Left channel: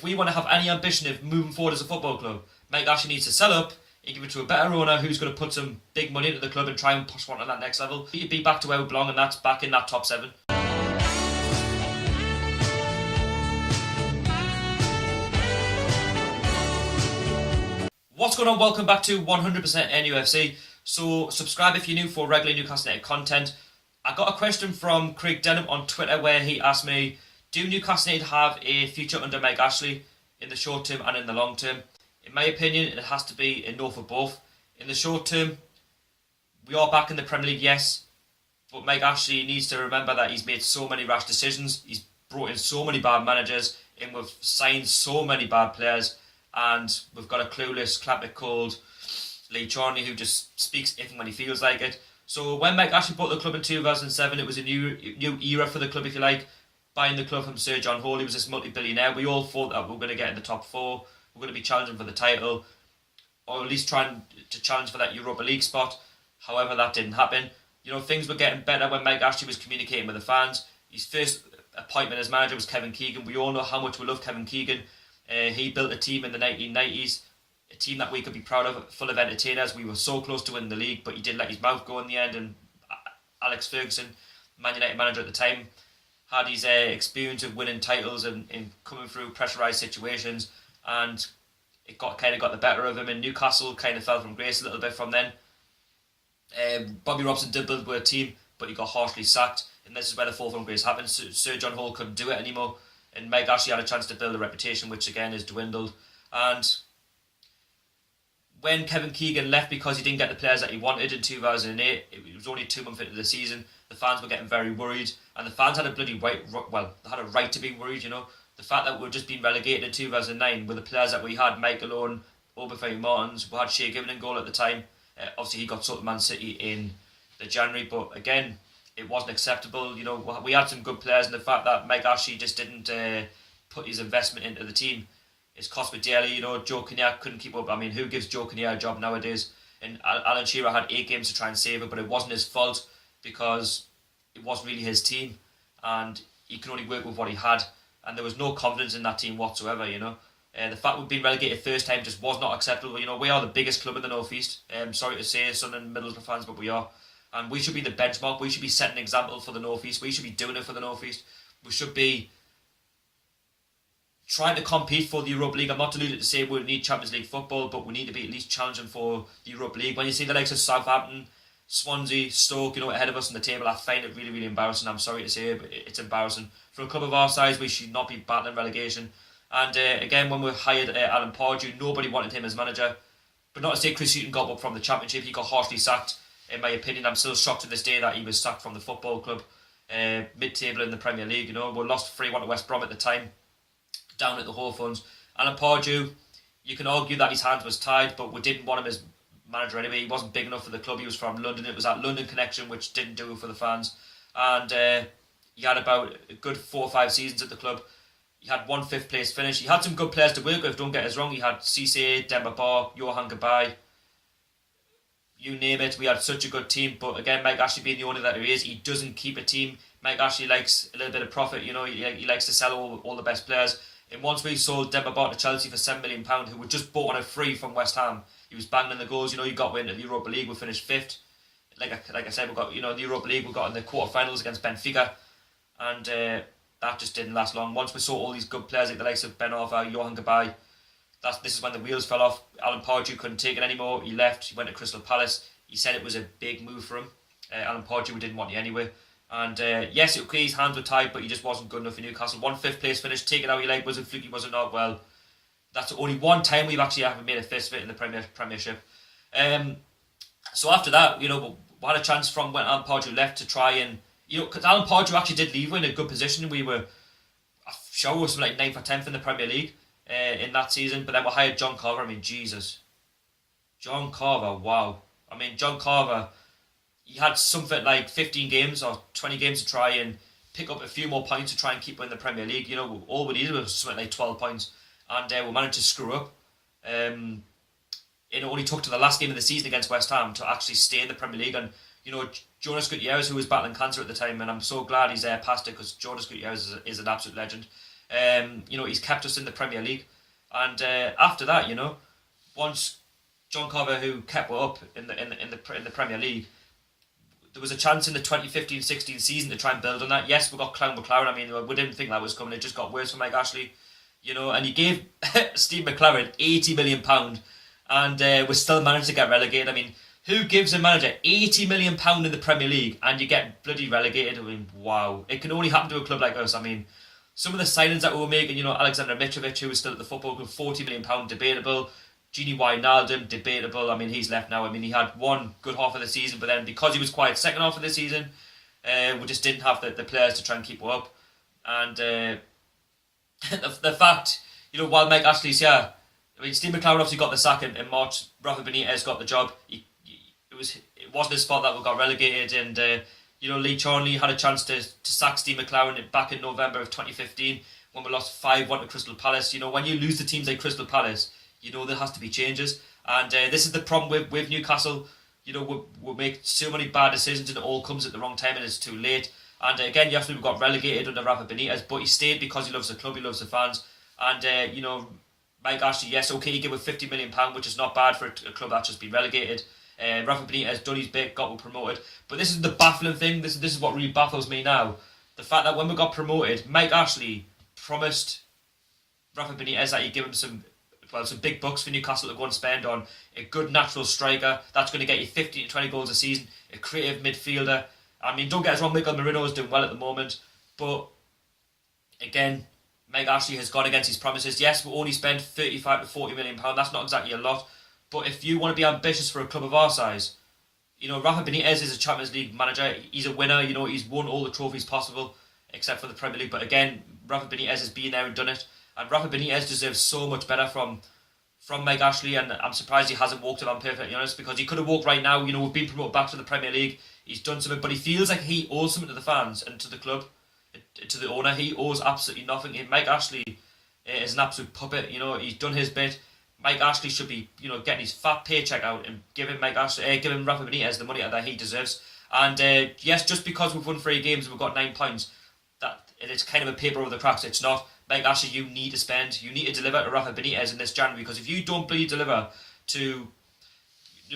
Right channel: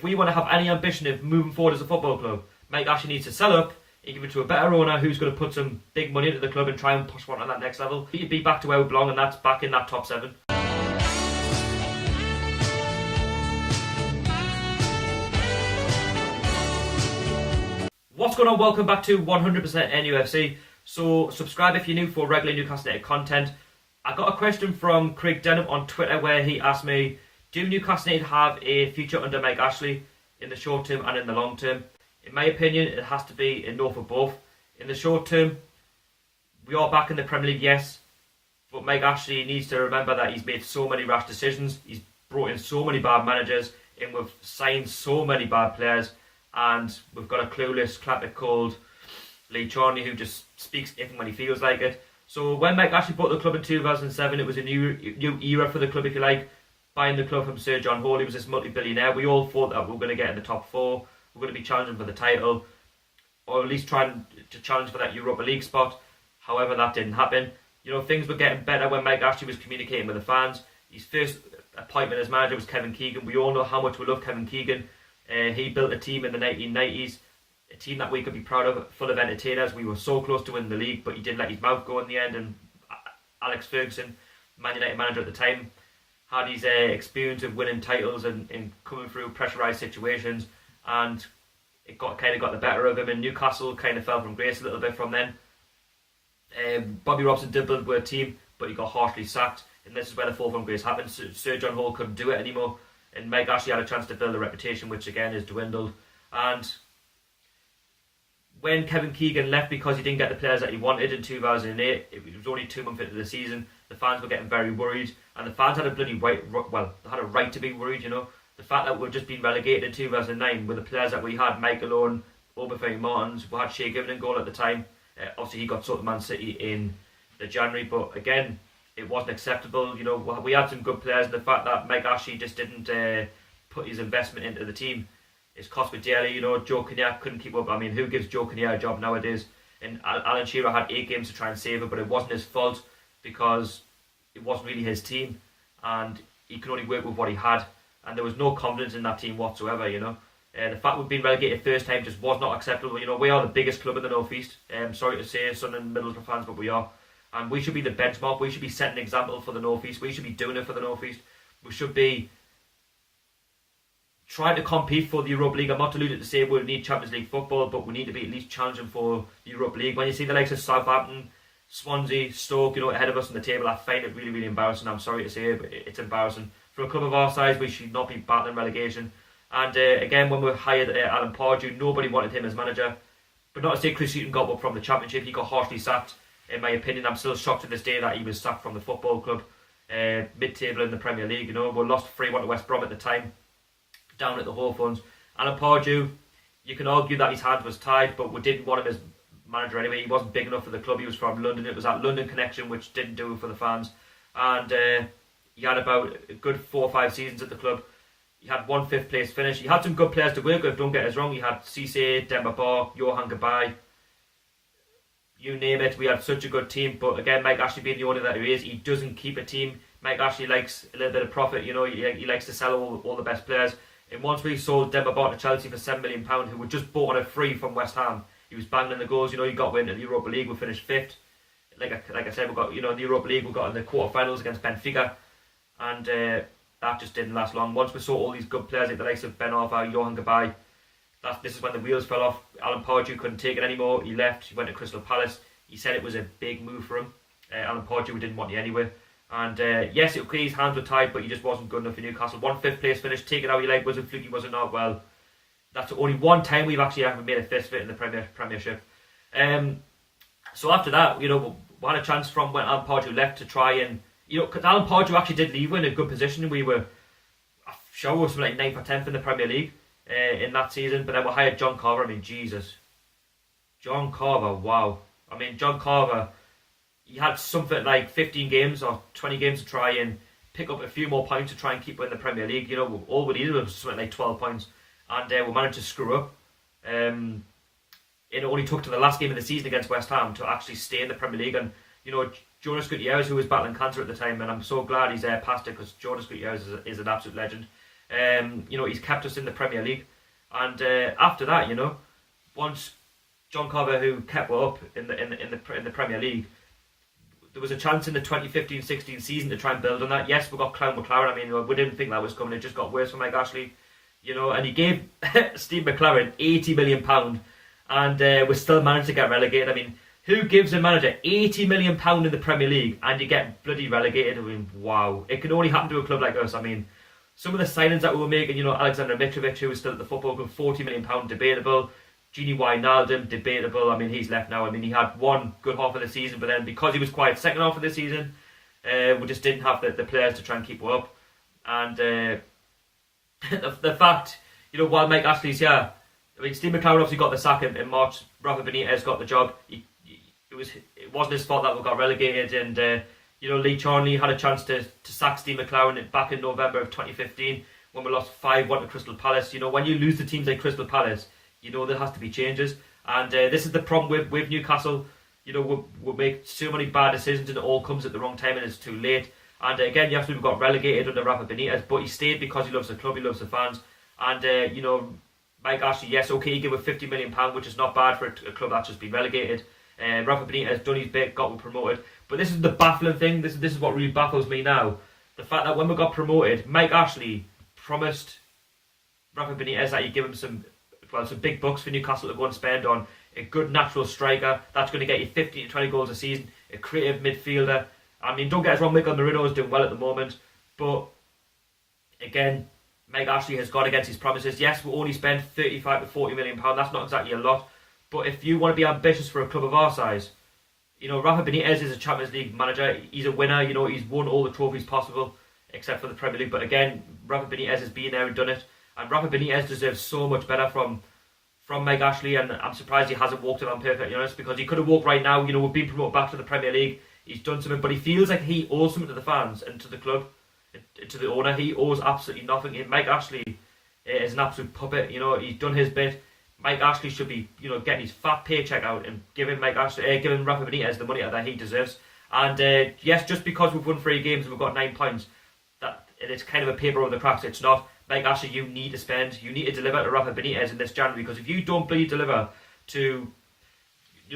If we want to have any ambition of moving forward as a football club, Mike Ashley needs to sell up and give it to a better owner who's going to put some big money into the club and try and push one on that next level. He'd be back to where we belong, and that's back in that top 7. What's going on? Welcome back to 100% NUFC. So subscribe if you're new for regular Newcastle United content. I got a question from Craig Denham on Twitter where he asked me, do Newcastle United have a future under Mike Ashley in the short term and in the long term? In my opinion, it has to be a no for both. In the short term, we are back in the Premier League, yes, but Mike Ashley needs to remember that he's made so many rash decisions. He's brought in so many bad managers, and we've signed so many bad players, and we've got a clueless clapper called Lee Charney who just speaks if and when he feels like it. So when Mike Ashley bought the club in 2007, it was a new era for the club, if you like. Buying the club from Sir John Hall, he was this multi-billionaire. We all thought that we were going to get in the top 4. We're going to be challenging for the title, or at least trying to challenge for that Europa League spot. However, that didn't happen. You know, things were getting better when Mike Ashley was communicating with the fans. His first appointment as manager was Kevin Keegan. We all know how much we love Kevin Keegan. He built a team in the 1990s, a team that we could be proud of, full of entertainers. We were so close to winning the league, but he didn't let his mouth go in the end. And Alex Ferguson, Man United manager at the time, had his experience of winning titles and coming through pressurised situations, and it got the better of him. And Newcastle kind of fell from grace a little bit from then. Bobby Robson did build a team, but he got harshly sacked, and this is where the fall from grace happened. Sir John Hall couldn't do it anymore, and Mike Ashley had a chance to build a reputation, which again is dwindled. And when Kevin Keegan left because he didn't get the players that he wanted in 2008, it was only 2 months into the season, the fans were getting very worried, and the fans had a bloody right, well, they had a right to be worried, you know. The fact that we're just being relegated in 2009 with the players that we had, Michael Owen, Obafemi Martins, we had Shea Given in goal at the time. Obviously he got sold to Man City in the January, but again, it wasn't acceptable. You know, we had some good players, and the fact that Mike Ashley just didn't put his investment into the team, it's cost me dearly. You know, Joe Kinnear couldn't keep up. I mean, who gives Joe Kinnear a job nowadays? And Alan Shearer had 8 games to try and save it, but it wasn't his fault because it wasn't really his team, and he could only work with what he had, and there was no confidence in that team whatsoever. You know, the fact we've been relegated first time just was not acceptable. You know, we are the biggest club in the North East. Sorry to say, Sun and Middlesbrough fans, but we are. And we should be the benchmark. We should be setting an example for the North East. We should be doing it for the North East. We should be trying to compete for the Europa League. I'm not deluded to say we need Champions League football, but we need to be at least challenging for the Europa League. When you see the likes of Southampton, Swansea, Stoke, you know, ahead of us on the table, I find it really, really embarrassing. I'm sorry to say, but it's embarrassing. For a club of our size, we should not be battling relegation. And again, when we hired Alan Pardew, nobody wanted him as manager. But not to say Chris Hughton got up from the Championship, he got harshly sacked. In my opinion, I'm still shocked to this day that he was sacked from the football club, mid-table in the Premier League. You know, we lost 3-1 to West Brom at the time, down at the Hawthorns. Alan Pardew, you can argue that his hands was tied, but we didn't want him as manager anyway. He wasn't big enough for the club. He was from London. It was that London connection which didn't do it for the fans. And he had about a good 4 or 5 seasons at the club. He had 1 5th place finish. He had some good players to work with, don't get us wrong. He had Cisse, Demba Ba, Johan Gabay, you name it. We had such a good team, but again, Mike Ashley being the owner that he is, he doesn't keep a team. Mike Ashley likes a little bit of profit, you know. He likes to sell all the best players. And once we sold Demba Ba to Chelsea for £7 million, who were just bought on a free from West Ham, he was banging in the goals. You know, he got into the Europa League. We finished 5th. Like I said, we got, you know, the Europa League. We got in the quarterfinals against Benfica, and that just didn't last long. Once we saw all these good players like the likes of Ben Arfa, Johan Gabay, this is when the wheels fell off. Alan Pardew couldn't take it anymore. He left. He went to Crystal Palace. He said it was a big move for him. Alan Pardew, we didn't want you anyway. And yes, okay, his hands were tied, but he just wasn't good enough for Newcastle. 1 5th place finish, take it how you like. Was it fluky, was it not? Well, that's only one time we've actually made a fist of it in the Premiership. So after that, you know, we had a chance from when Alan Pardew left to try and, you know, because Alan Pardew actually did leave in a good position. We were, I'm sure we were something like 9th or 10th in the Premier League in that season. But then we hired John Carver. I mean, Jesus. John Carver, wow. I mean, John Carver, he had something like 15 games or 20 games to try and pick up a few more points to try and keep in the Premier League. You know, all we needed was something like 12 points. And we managed to screw up. It only took to the last game of the season against West Ham to actually stay in the Premier League. And, you know, Jonas Gutierrez, who was battling cancer at the time, and I'm so glad he's passed it, because Jonas Gutierrez is an absolute legend. He's kept us in the Premier League, and after that, once John Carver, who kept us up in the Premier League, there was a chance in the 2015-16 season to try and build on that. Yes, we got Clown McLaren. I mean, we didn't think that was coming. It just got worse for Mike Ashley, and he gave Steve McLaren £80 million, and we still managed to get relegated. I mean, who gives a manager £80 million in the Premier League and you get bloody relegated? I mean, wow. It can only happen to a club like us. I mean, some of the signings that we were making, Alexander Mitrovic, who was still at the football club, £40 million, debatable. Gini Wijnaldum, debatable. I mean, he's left now. I mean, he had one good half of the season, but then because he was quiet second half of the season, we just didn't have the players to try and keep up. And the fact, while Mike Ashley's here, I mean, Steve McLaren obviously got the sack in March. Rafa Benitez got the job. It wasn't his fault that we got relegated, and Lee Charnley had a chance to sack Steve McLaren back in November of 2015 when we lost 5-1 to Crystal Palace. When you lose to teams like Crystal Palace, there has to be changes, and this is the problem with Newcastle. We make so many bad decisions and it all comes at the wrong time and it's too late. And again, yesterday we got relegated under Rafa Benitez, but he stayed because he loves the club, he loves the fans, and Mike Ashley, yes, okay, he gave us £50 million, which is not bad for a club that's just been relegated. Rafa Benitez done his bit, got promoted, but this is the baffling thing. This is what really baffles me now. The fact that when we got promoted, Mike Ashley promised Rafa Benitez that he'd give him some big bucks for Newcastle to go and spend on a good natural striker that's going to get you 15 to 20 goals a season, a creative midfielder. I mean, don't get us wrong, Mikel Merino is doing well at the moment, but again, Mike Ashley has gone against his promises. Yes, we only spent 35 to 40 million pounds. That's not exactly a lot, but if you want to be ambitious for a club of our size, Rafa Benitez is a Champions League manager. He's a winner. He's won all the trophies possible except for the Premier League. But again, Rafa Benitez has been there and done it. And Rafa Benitez deserves so much better from Mike Ashley, and I'm surprised he hasn't walked it, I'm perfectly honest, because he could have walked right now. We've been promoted back to the Premier League. He's done something, but he feels like he owes something to the fans and to the club, to the owner. He owes absolutely nothing. Mike Ashley is an absolute puppet. He's done his bit. Mike Ashley should be, getting his fat paycheck out and giving Rafa Benitez the money that he deserves. And yes, just because we've won 3 games and we've got 9 points, that it's kind of a paper over the cracks. It's not. Mike Ashley, you need to deliver to Rafa Benitez in this January, because if you don't deliver to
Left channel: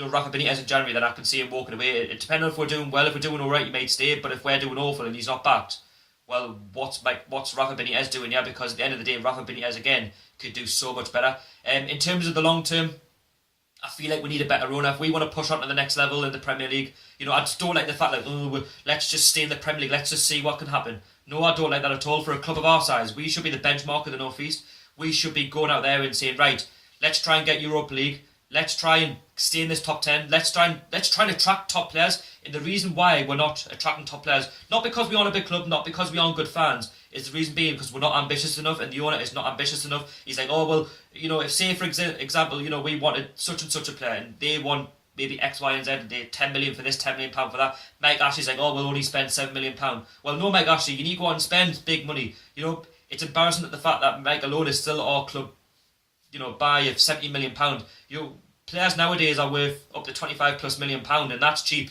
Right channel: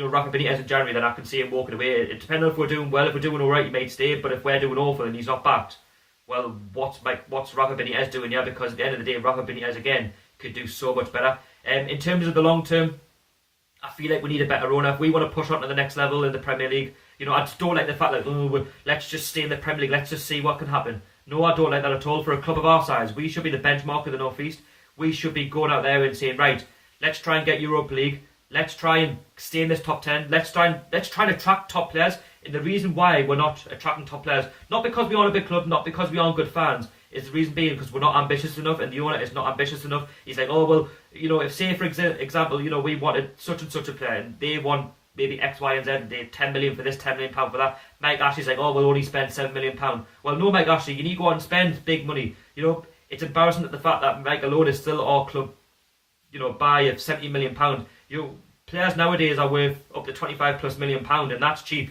Rafa Benitez in January, then I can see him walking away. It depends on if we're doing well. If we're doing alright, he might stay, but if we're doing awful and he's not backed, well, what's Rafa Benitez doing here? Because at the end of the day, Rafa Benitez again could do so much better. In terms of the long term, I feel like we need a better owner. If we want to push on to the next level in the Premier League, I just don't like the fact that let's just stay in the Premier League, let's just see what can happen. No, I don't like that at all. For a club of our size, we should be the benchmark of the North East. We should be going out there and saying, right, let's try and get Europa League. Let's try and stay in this top 10. Let's try and attract top players. And the reason why we're not attracting top players, not because we aren't a big club, not because we aren't good fans, is the reason being because we're not ambitious enough, and the owner is not ambitious enough. He's like, oh, well, if say, for example, we wanted such and such a player, and they want maybe X, Y, and Z, and they 10 million for this, 10 million pound for that. Mike Ashley's like, oh, we'll only spend 7 million pound. Well, no, Mike Ashley, you need to go out and spend big money. It's embarrassing that the fact that Mike alone is still our club, buy of 70 million pound. Players nowadays are worth up to 25 plus million pound, and that's cheap.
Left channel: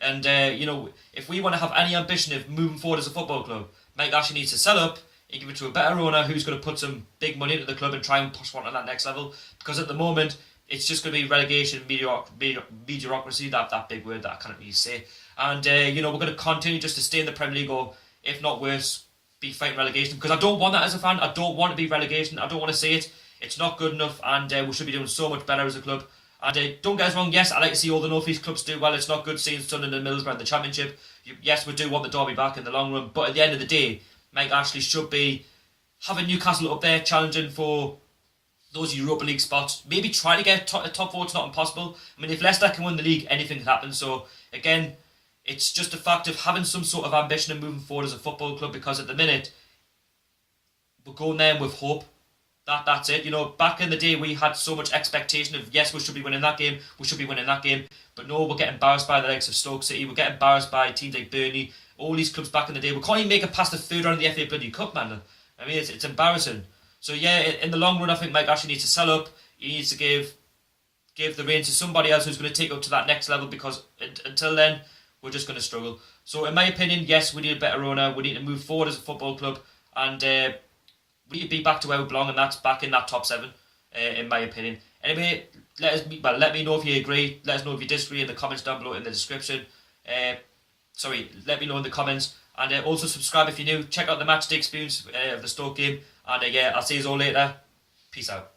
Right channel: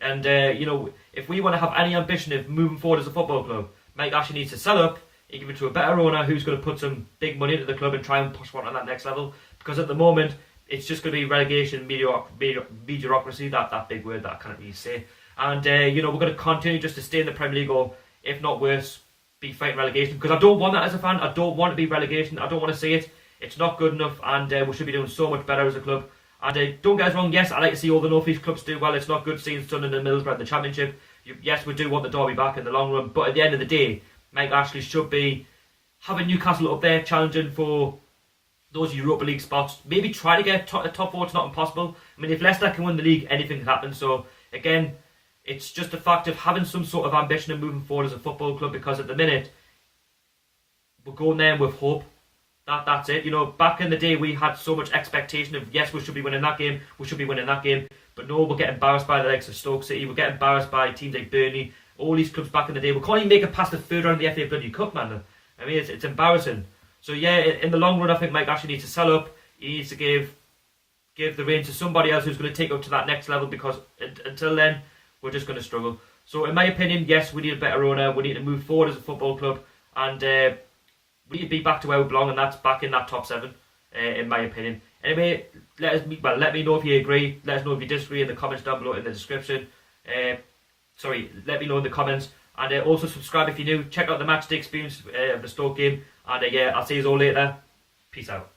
And if we want to have any ambition of moving forward as a football club, Mike Ashley needs to sell up and give it to a better owner who's going to put some big money into the club and try and push one on that next level. Because at the moment, it's just going to be relegation, mediocrity, that big word that I can't really say. And, we're going to continue just to stay in the Premier League, or if not worse, be fighting relegation. Because I don't want that as a fan. I don't want to be relegation. I don't want to see it. It's not good enough, and we should be doing so much better as a club. And don't get us wrong, yes, I like to see all the North East clubs do well. It's not good seeing Sunderland and Middlesbrough in the Championship. Yes, we do want the derby back in the long run, but at the end of the day, Mike Ashley should be having Newcastle up there challenging for those Europa League spots. Maybe try to get a top 4. It's not impossible. I mean, if Leicester can win the league, anything can happen. So again, it's just a fact of having some sort of ambition and moving forward as a football club, because at the minute we're going there with hope. That's it. Back in the day, we had so much expectation of, yes, we should be winning that game, but no, we're getting embarrassed by the likes of Stoke City, we're getting embarrassed by teams like Burnley, all these clubs back in the day. We can't even make it past the 3rd round of the FA Bloody Cup, man. I mean, it's embarrassing. So yeah, in the long run, I think Mike Ashley needs to sell up. He needs to give the reins to somebody else who's going to take up to that next level, because until then, we're just going to struggle. So in my opinion, yes, we need a better owner. We need to move forward as a football club, and we need to be back to where we belong, and that's back in that top 7, in my opinion. Anyway, let me know if you agree. Let us know if you disagree in the comments down below in the description. Let me know in the comments. And also subscribe if you're new. Check out the matchday experience of the Stoke game. And I'll see you all later. Peace out.